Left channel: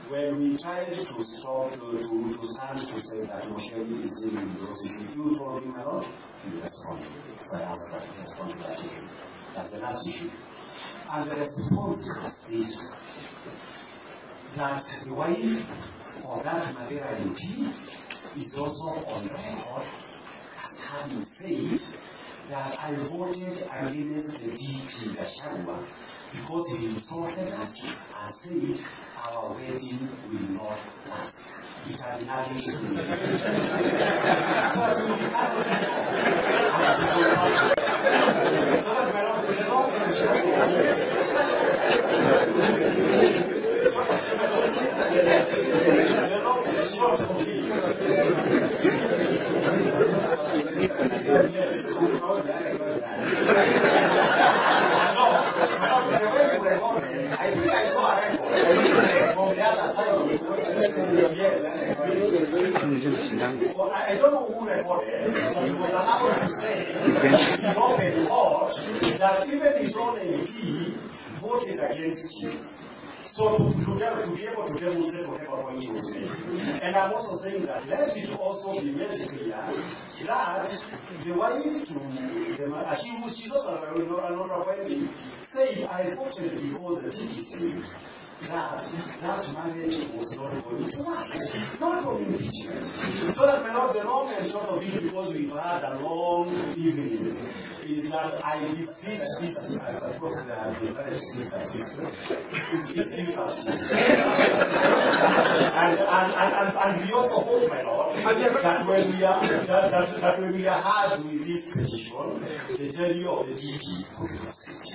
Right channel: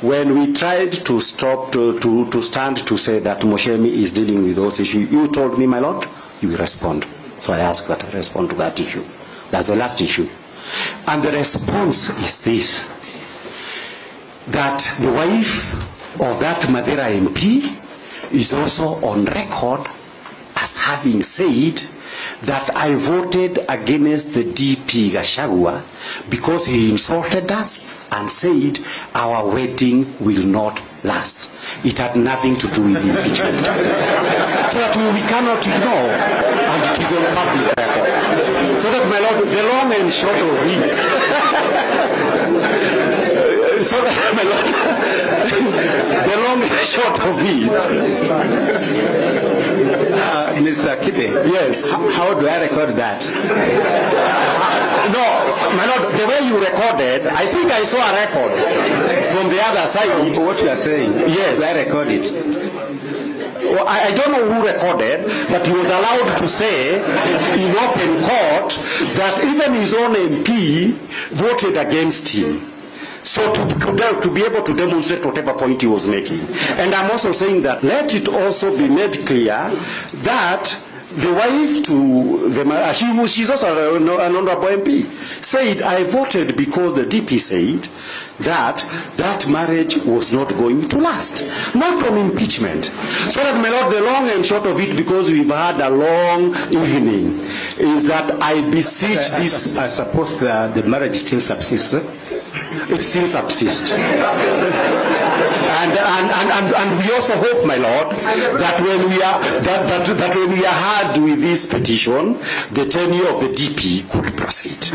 when we tried to stop, to stand to say that Moshemi is dealing with those issues, you told me, my lord, you will respond. So I asked that I respond to that issue. That's the last issue. And the response is this, that the wife of that Mathira MP is also on record as having said that I voted against the DP Gachagua because he insulted us and said our wedding will not last. It had nothing to do with the impeachment. So that we cannot ignore, and it is on public record. So that, my lord, the long and short of it, so that, my lord, the long and short of it, Mr. Kipe, yes. How do I record that? No, my lord, the way you recorded, I think I saw a record from the other side. What you are saying? Yes. Do I record it? Well, I don't know who recorded, but he was allowed to say in open court that even his own MP voted against him. So to be able to demonstrate whatever point he was making. And I'm also saying that let it also be made clear that the wife to the she's also an honorable MP, said, I voted because the DP said that that marriage was not going to last. Not on impeachment. So that, my lord, the long and short of it, because we've had a long evening, is that I beseech this. I suppose the marriage still subsists, right? It still subsists. And we also hope, my lord, that when we are that when we are hard with this petition, the tenure of the DP could proceed.